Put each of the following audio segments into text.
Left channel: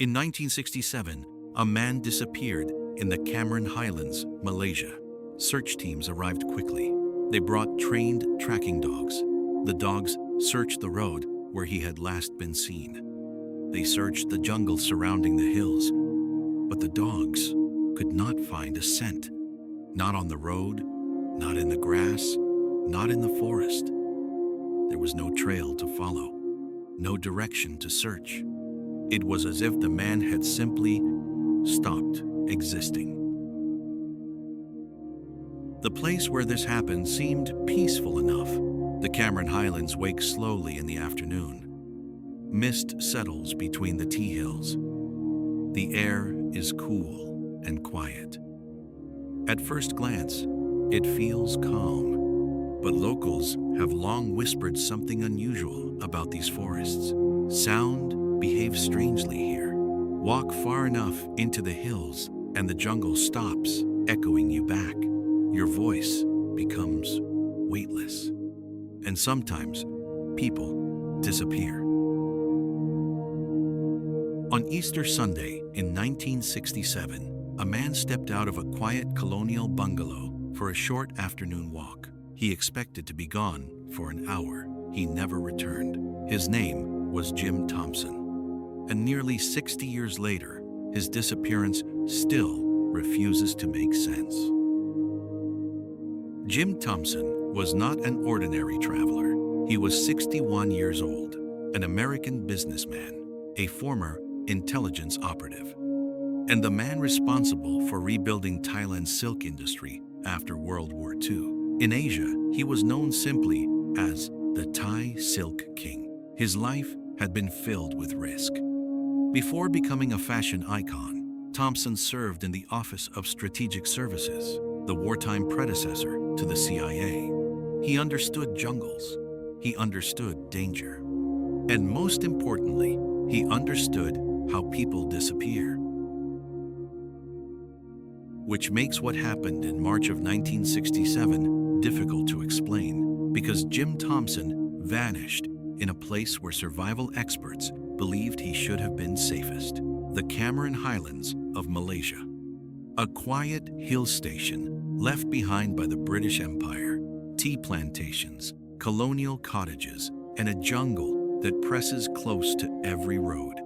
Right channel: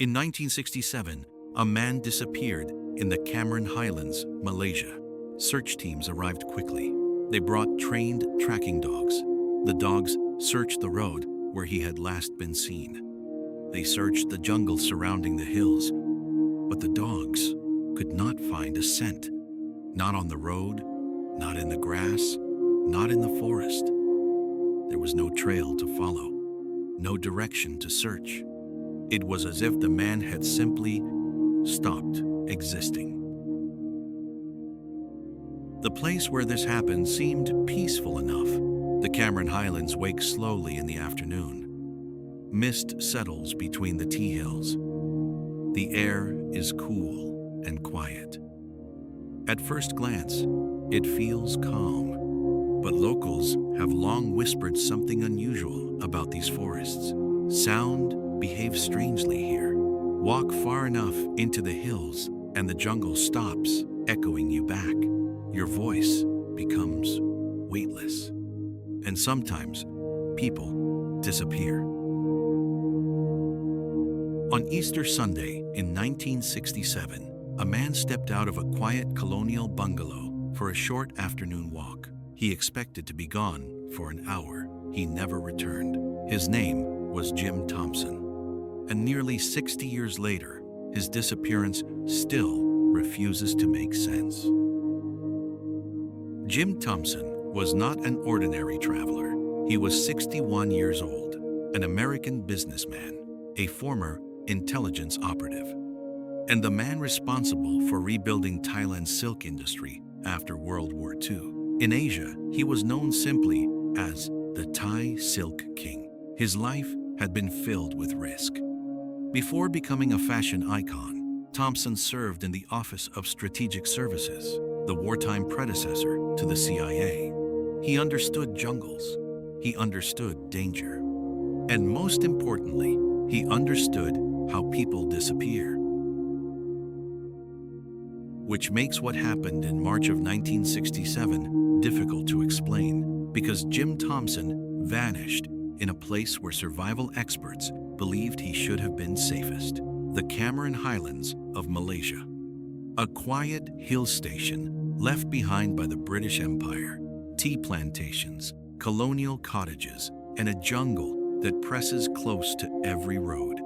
In 1967, a man disappeared in the Cameron Highlands, Malaysia. Search teams arrived quickly. They brought trained tracking dogs. The dogs searched the road where he had last been seen. They searched the jungle surrounding the hills, but the dogs could not find a scent. Not on the road, not in the grass, not in the forest. There was no trail to follow, no direction to search. It was as if the man had simply stopped existing. The place where this happened seemed peaceful enough. The Cameron Highlands wake slowly in the afternoon. Mist settles between the tea hills. The air is cool and quiet. At first glance, it feels calm, but locals have long whispered something unusual about these forests. Sound behaves strangely here. Walk far enough into the hills and the jungle stops, echoing you back. Your voice becomes weightless. And sometimes, people disappear. On Easter Sunday in 1967, a man stepped out of a quiet colonial bungalow for a short afternoon walk. He expected to be gone for an hour. He never returned. His name was Jim Thompson. And nearly 60 years later, his disappearance still refuses to make sense. Jim Thompson was not an ordinary traveler. He was 61 years old, an American businessman, a former intelligence operative, and the man responsible for rebuilding Thailand's silk industry after World War II. In Asia, he was known simply as the Thai Silk King. His life had been filled with risk. Before becoming a fashion icon, Thompson served in the Office of Strategic Services, the wartime predecessor to the CIA. He understood jungles. He understood danger. And most importantly, he understood how people disappear. Which makes what happened in March of 1967 difficult to explain, because Jim Thompson vanished in a place where survival experts believed he should have been safest, the Cameron Highlands of Malaysia. A quiet hill station left behind by the British Empire, tea plantations, colonial cottages, and a jungle that presses close to every road.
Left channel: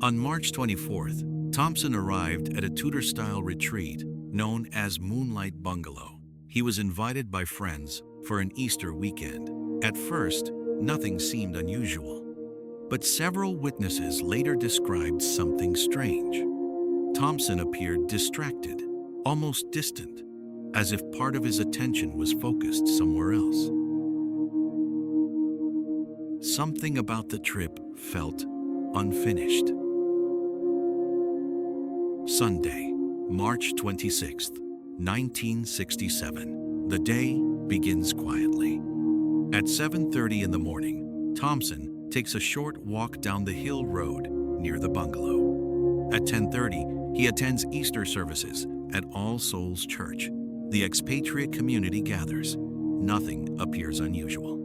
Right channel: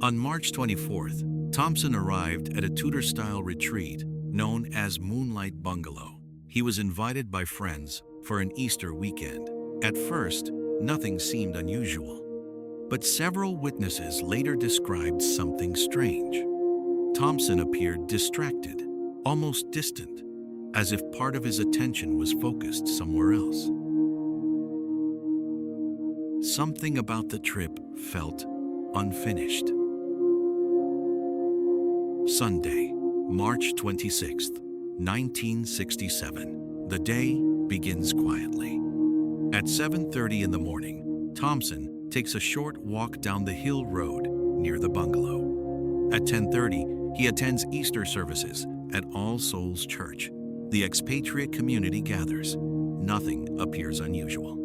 On March 24th, Thompson arrived at a Tudor-style retreat known as Moonlight Bungalow. He was invited by friends for an Easter weekend. At first, nothing seemed unusual, but several witnesses later described something strange. Thompson appeared distracted, almost distant, as if part of his attention was focused somewhere else. Something about the trip felt unfinished. Sunday, March 26th, 1967. The day begins quietly. At 7:30 in the morning, Thompson takes a short walk down the hill road near the bungalow. At 10:30, he attends Easter services at All Souls Church. The expatriate community gathers. Nothing appears unusual.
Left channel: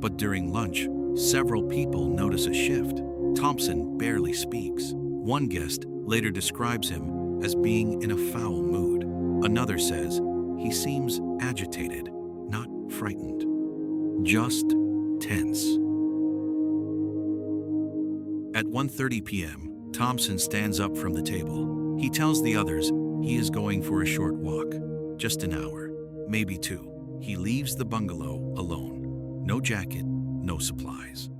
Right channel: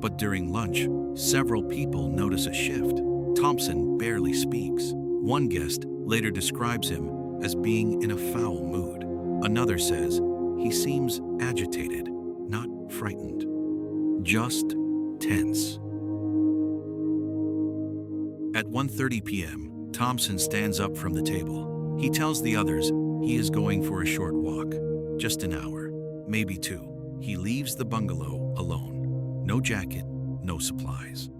But during lunch, several people notice a shift. Thompson barely speaks. One guest later describes him as being in a foul mood. Another says he seems agitated, not frightened, just tense. At 1:30 p.m., Thompson stands up from the table. He tells the others he is going for a short walk, just an hour, maybe two. He leaves the bungalow alone. No jacket, no supplies.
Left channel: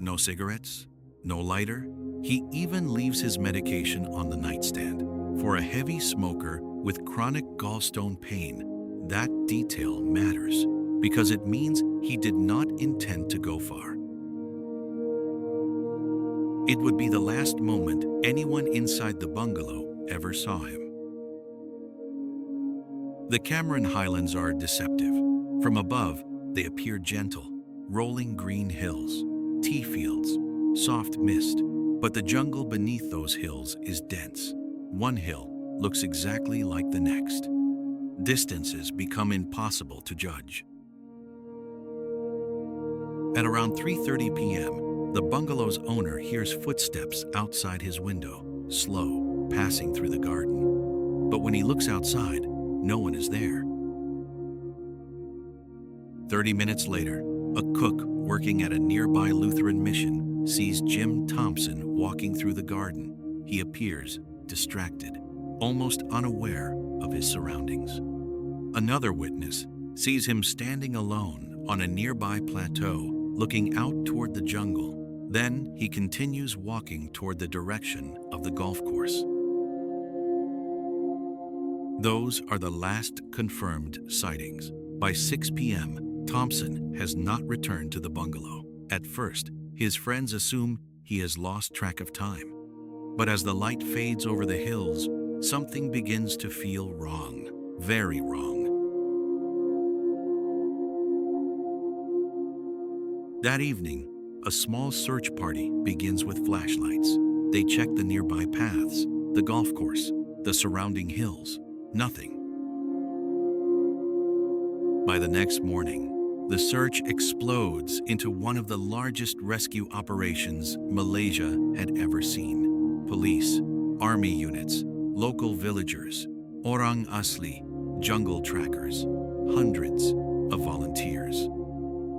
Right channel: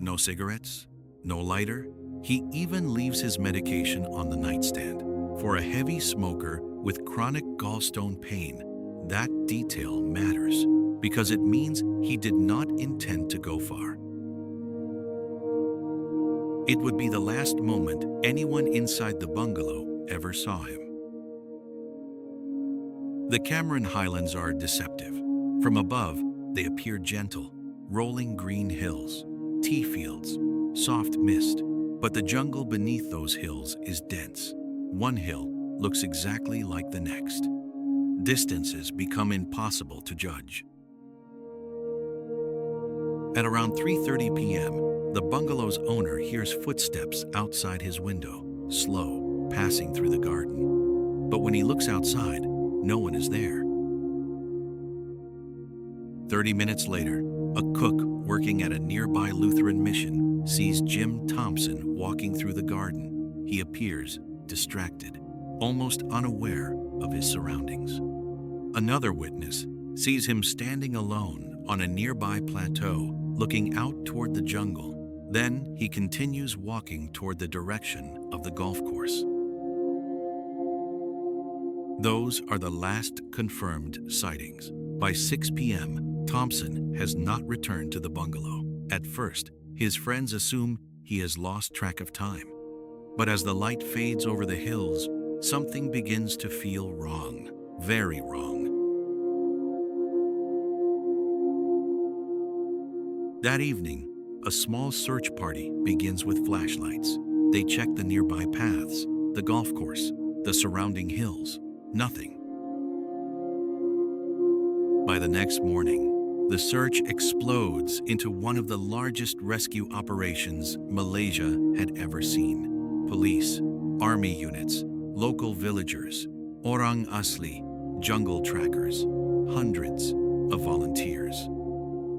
No cigarettes, no lighter. He even leaves his medication on the nightstand. For a heavy smoker with chronic gallstone pain, that detail matters because it means he did not intend to go far. It would be the last moment anyone inside the bungalow ever saw him. The Cameron Highlands are deceptive. From above, they appear gentle, rolling green hills, tea fields, soft mist. But the jungle beneath those hills is dense. One hill looks exactly like the next. Distances become impossible to judge. At around 3:30 p.m., the bungalow's owner hears footsteps outside his window, slow, passing through the garden. But when he looks outside, no one is there. 30 minutes later, a cook working at a nearby Lutheran mission sees Jim Thompson walking through the garden. He appears distracted, almost unaware of his surroundings. Another witness sees him standing alone on a nearby plateau, looking out toward the jungle. Then he continues walking toward the direction of the golf course. Those are the last confirmed sightings. By 6 p.m., Thompson has not returned to the bungalow. At first, his friends assume he has lost track of time. But as the light fades over the hills, something begins to feel wrong, very wrong. That evening, a small search party begins with flashlights. They check the nearby paths, the golf course, the surrounding hills. Nothing. By the next morning, the search explodes into one of the largest rescue operations Malaysia had ever seen. Police, army units, local villagers, orang asli, jungle trackers, hundreds of volunteers.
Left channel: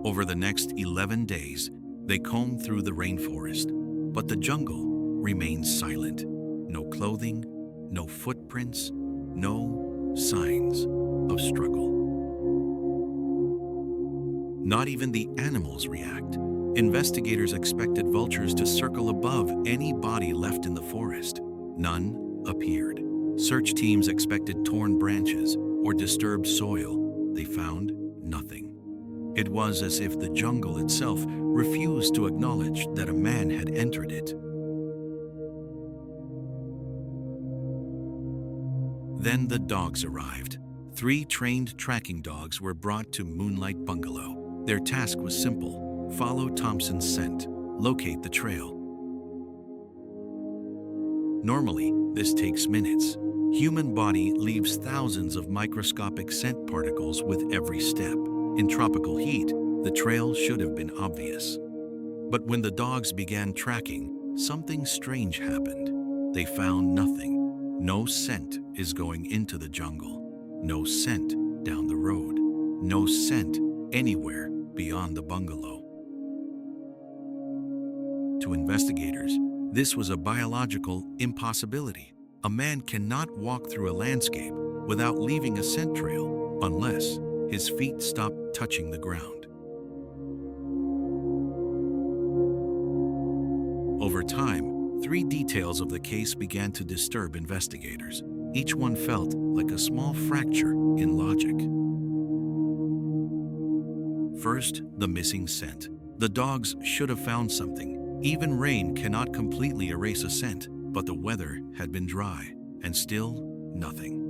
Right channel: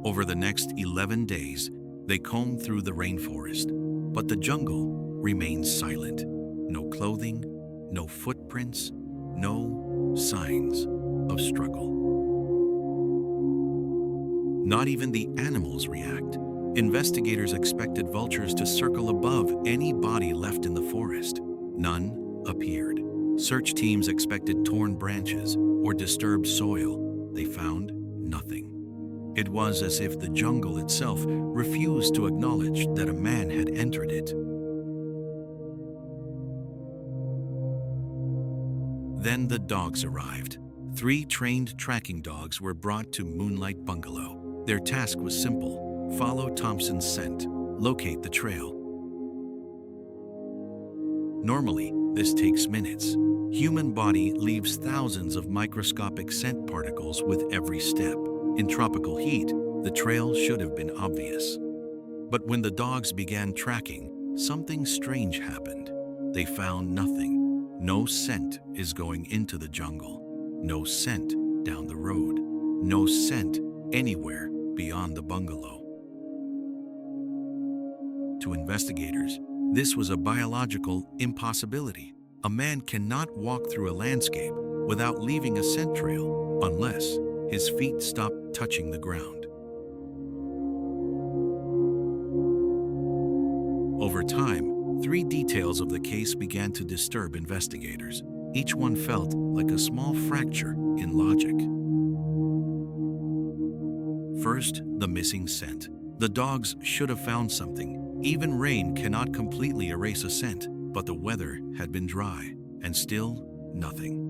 Over the next 11 days, they comb through the rainforest, but the jungle remains silent. No clothing, no footprints, no signs of struggle. Not even the animals react. Investigators expected vultures to circle above any body left in the forest. None appeared. Search teams expected torn branches or disturbed soil. They found nothing. It was as if the jungle itself refused to acknowledge that a man had entered it. Then the dogs arrived. 3 trained tracking dogs were brought to Moonlight Bungalow. Their task was simple: follow Thompson's scent, locate the trail. Normally, this takes minutes. Human body leaves thousands of microscopic scent particles with every step. In tropical heat, the trail should have been obvious. But when the dogs began tracking, something strange happened. They found nothing. No scent is going into the jungle. No scent down the road. No scent anywhere beyond the bungalow. To investigators, this was a biological impossibility. A man cannot walk through a landscape without leaving a scent trail unless his feet stop touching the ground. Over time, 3 details of the case began to disturb investigators. Each one felt like a small fracture in logic. First, the missing scent. The dogs should have found something. Even rain cannot completely erase a scent, but the weather had been dry, and still nothing.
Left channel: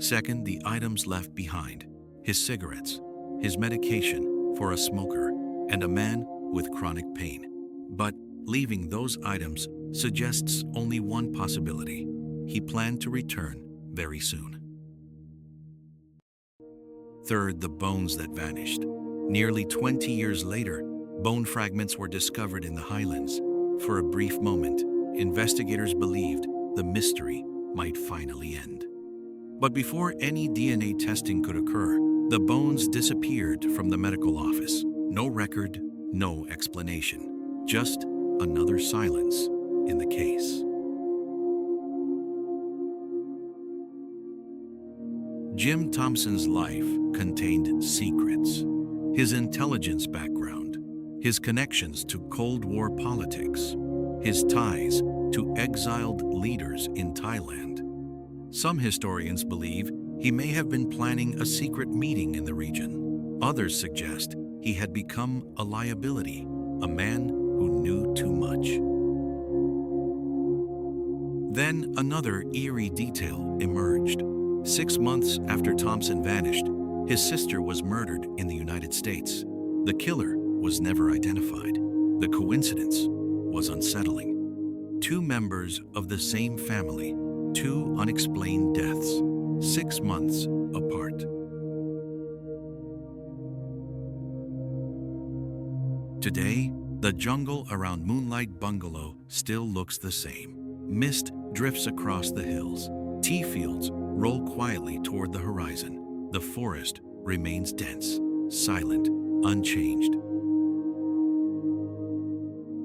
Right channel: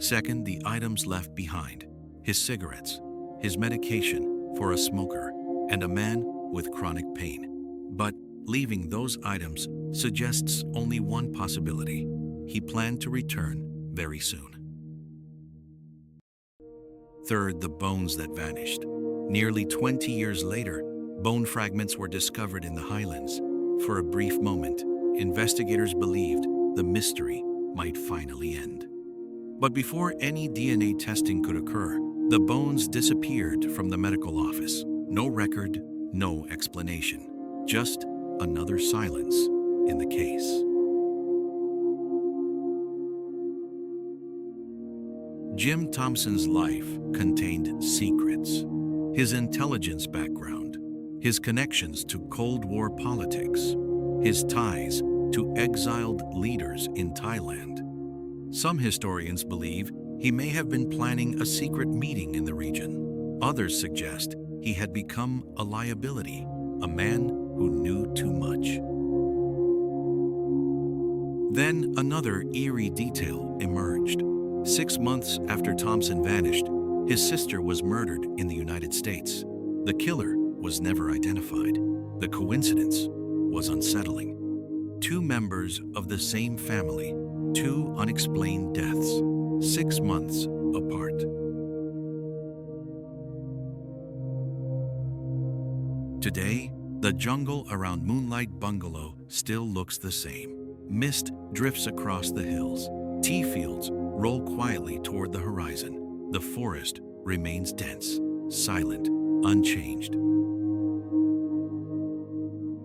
Second, the items left behind. His cigarettes, his medication for a smoker, and a man with chronic pain. But leaving those items suggests only one possibility. He planned to return very soon. Third, the bones that vanished. Nearly 20 years later, bone fragments were discovered in the Highlands. For a brief moment, investigators believed the mystery might finally end. But before any DNA testing could occur, the bones disappeared from the medical office. No record, no explanation, just another silence in the case. Jim Thompson's life contained secrets. His intelligence background, his connections to Cold War politics, his ties to exiled leaders in Thailand. Some historians believe he may have been planning a secret meeting in the region. Others suggest he had become a liability, a man who knew too much. Then another eerie detail emerged. 6 months after Thompson vanished, his sister was murdered in the United States. The killer was never identified. The coincidence was unsettling. 2 members of the same family, 2 unexplained deaths, 6 months apart. Today, the jungle around Moonlight Bungalow still looks the same. Mist drifts across the hills. Tea fields roll quietly toward the horizon. The forest remains dense, silent, unchanged.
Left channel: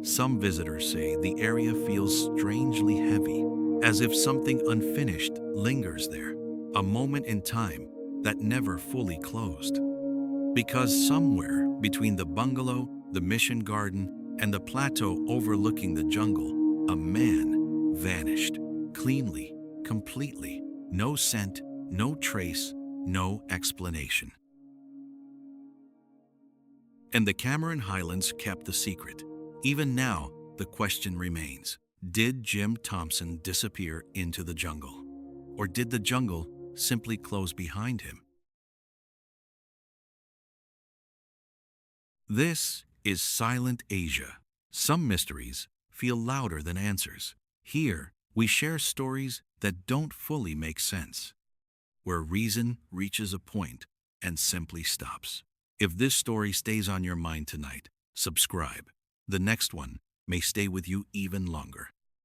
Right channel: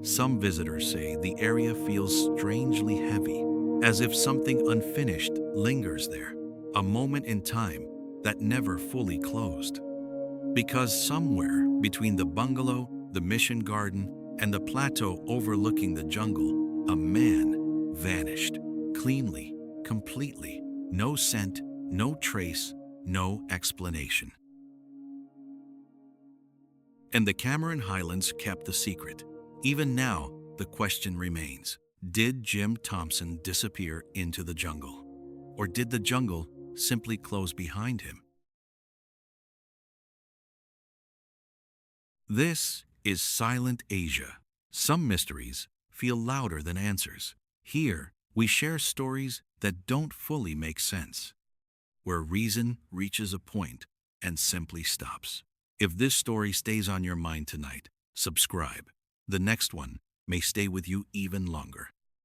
Some visitors say the area feels strangely heavy, as if something unfinished lingers there, a moment in time that never fully closed. Because somewhere between the bungalow, the mission garden, and the plateau overlooking the jungle, a man vanished, cleanly, completely. No scent, no trace, no explanation. And the Cameron Highlands kept the secret. Even now, the question remains: did Jim Thompson disappear into the jungle? Or did the jungle simply close behind him? This is SilentAsia. Some mysteries feel louder than answers. Here, we share stories that don't fully make sense, where reason reaches a point and simply stops. If this story stays on your mind tonight, subscribe. The next one may stay with you even longer.